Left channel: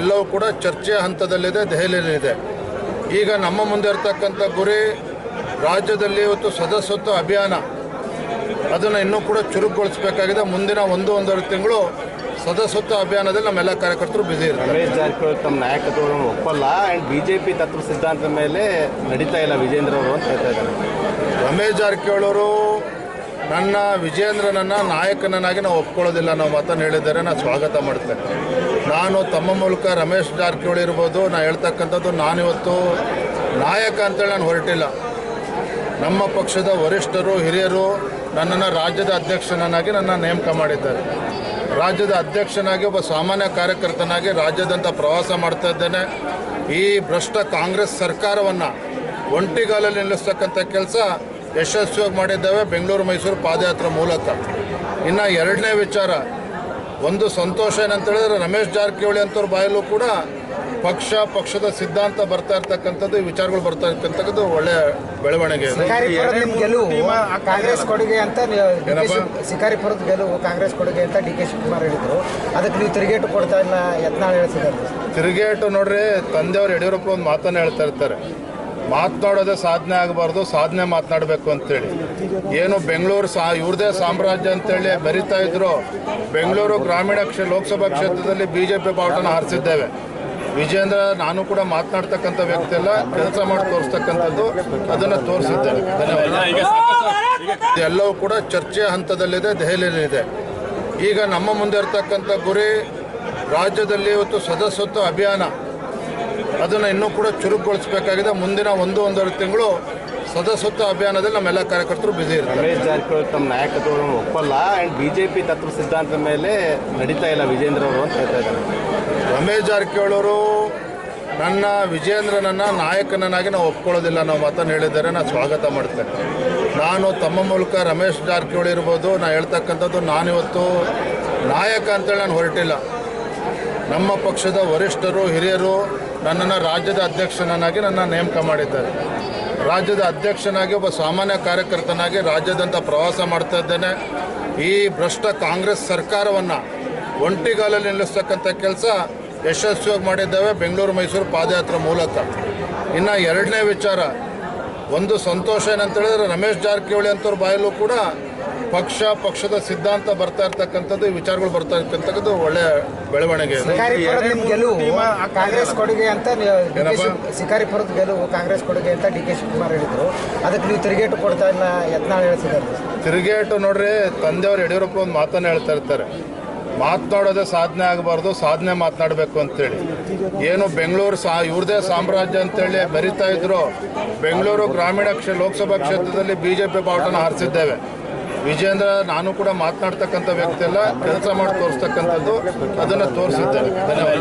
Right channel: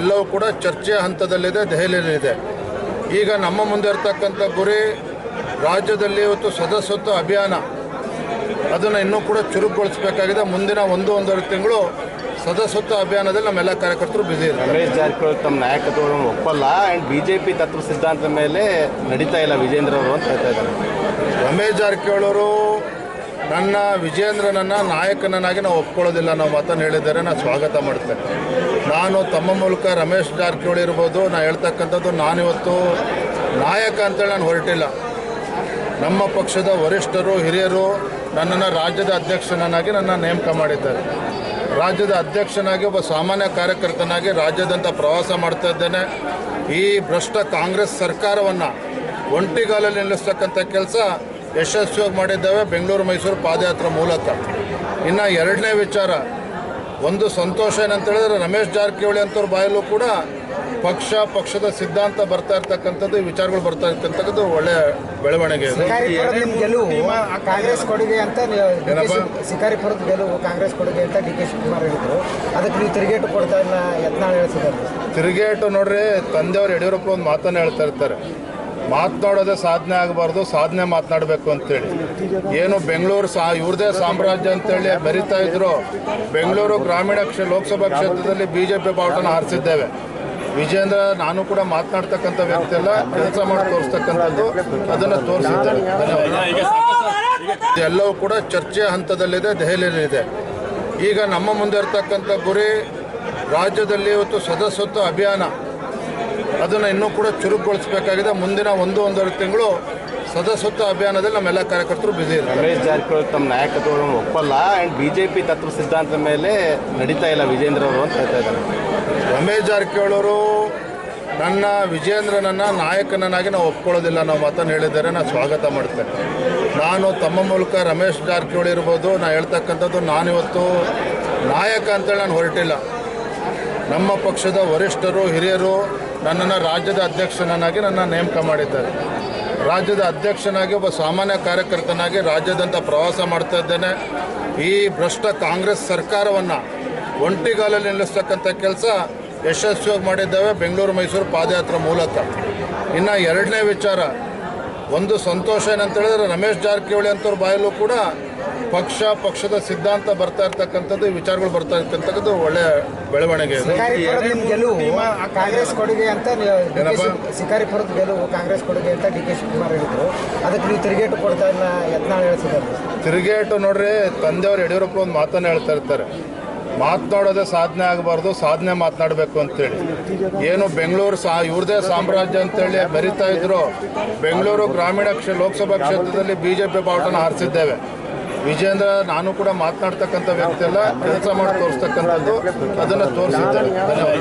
ಎಲ್ಲವೂ ಕೂಡ ಚರ್ಚೆಯ ಹಂತದಲ್ಲಿದೆ, ದೆಹಲಿಯಲ್ಲಿದೆ. ಈಗ ನಮ್ಮ ಮುಂದೆ ಇರತಕ್ಕಂಥ ಗುರಿ ರಾಜ್ಯದಲ್ಲಿ ಇವತ್ತು ಸದಸ್ಯತ್ವ ಅಭಿಯಾನ ಅದನ್ನು ಇನ್ನೂ ಕೂಡ ಚುರುಕುಗೊಳಿಸಬೇಕಾಗಿದೆ. ಮುಂದಿನ ಒಂದೂವರೆ ತಿಂಗಳು ಸದಸ್ಯತ್ವ ಅಭಿಯಾನದಲ್ಲಿ ನಮ್ಮೆಲ್ಲ ಕಾರ್ಯಕರ್ತರು ಬ್ಯುಸಿ ಇರ್ತಾರೆ. ರಮೇಶ್ ಜಾರಕಿಹೊಳಿ ತಮ್ಮ ನಾಯಕತ್ವವನ್ನು ಒಪ್ಪಲ್ಲ ಆ್ಯಂಡ್ BJP ತತ್ವ ಸಿದ್ಧಾಂತದ ಮೇಲೆ ನಡೀತಾ ಇಲ್ಲ ವಿಜೇಂದ್ರ ಅವರು ಅಂತ ಹೇಳ್ತಾ ಇದ್ದಾರೆ. ರಮೇಶ್ ಜಾರಕಿಹೊಳಿ ಅವರು ವಿಜೇಂದ್ರನನ್ನು ನಾಯಕನನ್ನಾಗಿ ನಾವು ಒಪ್ಕೊಳ್ಳೋದಿಲ್ಲ, ನಾವು ಮಾತನ್ನು ಹೇಳಿದ್ದಾರೆ. ನಾನು ಸ್ವಾಗತ ಮಾಡ್ತೇನೆ. ನಾನು ತಮ್ಮ ಮೂಲಕ ರಮೇಶ್ ಜಾರಕಿಹೊಳಿ ಇರ್ಬೋದು, ನಾನು ಹೇಳ್ತಕ್ಕಂಥದ್ದು ನಾನಿವತ್ತು ನಾಯಕ ಅಂತೇಳಿ ನಾನು ಹೊರಟಿಲ್ಲ. ನಮ್ಮ ಪಕ್ಷದ ವರಿಷ್ಠರು ಹಿರಿಯರು ನನ್ನನ್ನು ರಾಜ್ಯದ ಅಧ್ಯಕ್ಷನನ್ನಾಗಿ ನೇಮಕ ಮಾಡಿದ್ದಾರೆ. ರಾಜ್ಯದ ಅಧ್ಯಕ್ಷನಾಗಿ ಒಬ್ಬ ಸಾಮಾನ್ಯ ಕಾರ್ಯಕರ್ತನಾಗಿ ರಾಜ್ಯದಂತ ಪ್ರವಾಸ ಮಾಡ್ತಾ ಇದ್ದೇನೆ. ಈ ಭ್ರಷ್ಟ ಕಾಂಗ್ರೆಸ್ ಸರ್ಕಾರವನ್ನು ಒಂಟಿಗಾಲಲ್ಲಿ ನಿಲ್ಲಿಸ್ತಕ್ಕಂಥ ಕೆಲಸ ಯಶಸ್ವಿಯಾಗಿ ಮಾಡಿದ್ದೇವೆ ಬೆಂಗಳೂರು ಮೈಸೂರು ಪಾದಯಾತ್ರೆ ಮೂಲಕ. ಇನ್ನು ಎರಡನೇ ವಿಚಾರ, ಒಂದು ಸಂತೋಷ ಏನಂತ ಹೇಳಿದ್ರೆ ರಮೇಶ್ ಜಾರಕಿಹೊಳಿ ಅಂತವ್ರ ಬಾಯಲ್ಲೂ ಕೂಡ ಪಕ್ಷದ ಸಿದ್ಧಾಂತ ಬರ್ತಾ ಇರ್ತಕ್ಕಂಥದ್ದು, ಈ ವಿಚಾರಗಳು ಬರ್ತಾ ಇರ್ತಕ್ಕಂಥದ್ದು ಒಳ್ಳೆಯ ಬೆಳವಣಿಗೆ ಇದೆ. ಕಾಂಗ್ರೆಸ್ ಕೊಡುಗೆ ಅಂತ ಶಿಕಾರಿಪುರದ ಗೆಲುವು ಕಾಂಗ್ರೆಸ್ ಕೊಡುಗೆ ಅಂತ DK ಶಿವಕುಮಾರ್ ಹೇಳಿದ್ರು. ಅದಕ್ಕೆ ನೀವು ತಿರುಗೇಟು ಕೊಡ್ತಾ ಇಲ್ಲ ಯತ್ನಾಳ್ ಹೇಳ್ತಿದ್ದಾರೆ. ತಿರುಗೇಟು ನೋಡ್ರಿ, ತಂದೆಯವರು ಯಡಿಯೂರಪ್ಪ ಒಂದು ಮಾತನ್ನು ಹೇಳ್ತಾ ಇರ್ತಾರೆ, ಮಾತನಾಡೋದೇ ಸಾಧನೆ ಆಗಬಾರ್ದು, ಸಾಧನೆ ಮಾತನಾಡಬೇಕು ಅಂತೇಳಿ. ಏನು ಬೆಂಗಳೂರು ಇವ್ರದೇ ಸಾಮ್ರಾಜ್ಯ ಅಂತೇಳಿ ಬರಿತಾ ಇದ್ರು. ಬೆಂಗಳೂರು ಗ್ರಾಮೀಣ ಲೋಕಸಭಾ ಕ್ಷೇತ್ರದಲ್ಲಿ BJP ಬಾವುಟನ ಹಾರಿಸಿದ್ದೇವೆ. ವಿಜೇಂದ್ರ ನಾನು ಕೂಡ ಮಾತನಾಡ್ತಕ್ಕಂಥ ವ್ಯಕ್ತಿ ಎಲ್ಲ, ಕೆಲಸ ಮಾಡಿ ತೋರಿಸ್ತಕ್ಕಂಥದ್ದು, ಅದನ್ನು ತೋರಿಸಿದ್ದೇನೆ. ಧನ್ಯವಾದ. ಎಲ್ಲವೂ ಕೂಡ ಚರ್ಚೆಯ ಹಂತದಲ್ಲಿದೆ, ದೆಹಲಿಯಲ್ಲಿದೆ. ಈಗ ನಮ್ಮ ಮುಂದೆ ಇರತಕ್ಕಂಥ ಗುರಿ ರಾಜ್ಯದಲ್ಲಿ ಇವತ್ತು ಸದಸ್ಯತ್ವ ಅಭಿಯಾನ ಅದನ್ನು ಇನ್ನೂ ಕೂಡ ಚುರುಕುಗೊಳಿಸಬೇಕಾಗಿದೆ. ಮುಂದಿನ ಒಂದೂವರೆ ತಿಂಗಳು ಸದಸ್ಯತ್ವ ಅಭಿಯಾನದಲ್ಲಿ ನಮ್ಮೆಲ್ಲ ಕಾರ್ಯಕರ್ತರು ಬ್ಯುಸಿ ಇರ್ತಾರೆ. ರಮೇಶ್ ಜಾರಕಿಹೊಳಿ ತಮ್ಮ ನಾಯಕತ್ವವನ್ನು ಒಪ್ಪಲ್ಲ ಆ್ಯಂಡ್ BJP ತತ್ವ ಸಿದ್ಧಾಂತದ ಮೇಲೆ ನಡೀತಾ ಇಲ್ಲ ವಿಜೇಂದ್ರ ಅವರು ಅಂತ ಹೇಳ್ತಾ ಇದ್ದಾರೆ. ರಮೇಶ್ ಜಾರಕಿಹೊಳಿ ಅವರು ವಿಜೇಂದ್ರನನ್ನು ನಾಯಕನನ್ನಾಗಿ ನಾವು ಒಪ್ಕೊಳ್ಳೋದಿಲ್ಲ, ನಾವು ಮಾತನ್ನು ಹೇಳಿದ್ದಾರೆ. ನಾನು ಸ್ವಾಗತ ಮಾಡ್ತೇನೆ. ನಾನು ತಮ್ಮ ಮೂಲಕ ರಮೇಶ್ ಜಾರಕಿಹೊಳಿ ಇರ್ಬೋದು, ನಾನು ಹೇಳ್ತಕ್ಕಂಥದ್ದು ನಾನಿವತ್ತು ನಾಯಕ ಅಂತೇಳಿ ನಾನು ಹೊರಟಿಲ್ಲ. ನಮ್ಮ ಪಕ್ಷದ ವರಿಷ್ಠರು ಹಿರಿಯರು ನನ್ನನ್ನು ರಾಜ್ಯದ ಅಧ್ಯಕ್ಷನನ್ನಾಗಿ ನೇಮಕ ಮಾಡಿದ್ದಾರೆ. ರಾಜ್ಯದ ಅಧ್ಯಕ್ಷನಾಗಿ ಒಬ್ಬ ಸಾಮಾನ್ಯ ಕಾರ್ಯಕರ್ತನಾಗಿ ರಾಜ್ಯದಂತ ಪ್ರವಾಸ ಮಾಡ್ತಾ ಇದ್ದೇನೆ. ಈ ಭ್ರಷ್ಟ ಕಾಂಗ್ರೆಸ್ ಸರ್ಕಾರವನ್ನು ಒಂಟಿಗಾಲಲ್ಲಿ ನಿಲ್ಲಿಸ್ತಕ್ಕಂಥ ಕೆಲಸ ಯಶಸ್ವಿಯಾಗಿ ಮಾಡಿದ್ದೇವೆ ಬೆಂಗಳೂರು ಮೈಸೂರು ಪಾದಯಾತ್ರೆ ಮೂಲಕ. ಇನ್ನು ಎರಡನೇ ವಿಚಾರ, ಒಂದು ಸಂತೋಷ ಏನಂತ ಹೇಳಿದ್ರೆ ರಮೇಶ್ ಜಾರಕಿಹೊಳಿ ಅಂತವ್ರ ಬಾಯಲ್ಲೂ ಕೂಡ ಪಕ್ಷದ ಸಿದ್ಧಾಂತ ಬರ್ತಾ ಇರ್ತಕ್ಕಂಥದ್ದು, ಈ ವಿಚಾರಗಳು ಬರ್ತಾ ಇರ್ತಕ್ಕಂಥದ್ದು ಒಳ್ಳೆಯ ಬೆಳವಣಿಗೆ ಇದೆ. ಕಾಂಗ್ರೆಸ್ ಕೊಡುಗೆ ಅಂತ ಶಿಕಾರಿಪುರದ ಗೆಲುವು ಕಾಂಗ್ರೆಸ್ ಕೊಡುಗೆ ಅಂತ DK ಶಿವಕುಮಾರ್ ಹೇಳಿದ್ರು. ಅದಕ್ಕೆ ನೀವು ತಿರುಗೇಟು ಕೊಡ್ತಾ ಇಲ್ಲ ಯತ್ನಾಳ್ ಹೇಳ್ತಿದ್ದಾರೆ. ತಿರುಗೇಟು ನೋಡ್ರಿ, ತಂದೆಯವರು ಯಡಿಯೂರಪ್ಪ ಒಂದು ಮಾತನ್ನು ಹೇಳ್ತಾ ಇರ್ತಾರೆ, ಮಾತನಾಡೋದೇ ಸಾಧನೆ ಆಗಬಾರ್ದು, ಸಾಧನೆ ಮಾತನಾಡಬೇಕು ಅಂತೇಳಿ. ಏನು ಬೆಂಗಳೂರು ಇವ್ರದೇ ಸಾಮ್ರಾಜ್ಯ ಅಂತೇಳಿ ಬರಿತಾ ಇದ್ರು. ಬೆಂಗಳೂರು ಗ್ರಾಮೀಣ ಲೋಕಸಭಾ ಕ್ಷೇತ್ರದಲ್ಲಿ BJP ಬಾವುಟನ ಹಾರಿಸಿದ್ದೇವೆ. ವಿಜೇಂದ್ರ ನಾನು ಕೂಡ ಮಾತನಾಡ್ತಕ್ಕಂಥ ವ್ಯಕ್ತಿ ಎಲ್ಲ, ಕೆಲಸ ಮಾಡಿ ತೋರಿಸ್ತಕ್ಕಂಥದ್ದು, ಅದನ್ನು ತೋರಿಸಿದ್ದೇನೆ. ಧನ್ಯವಾದ.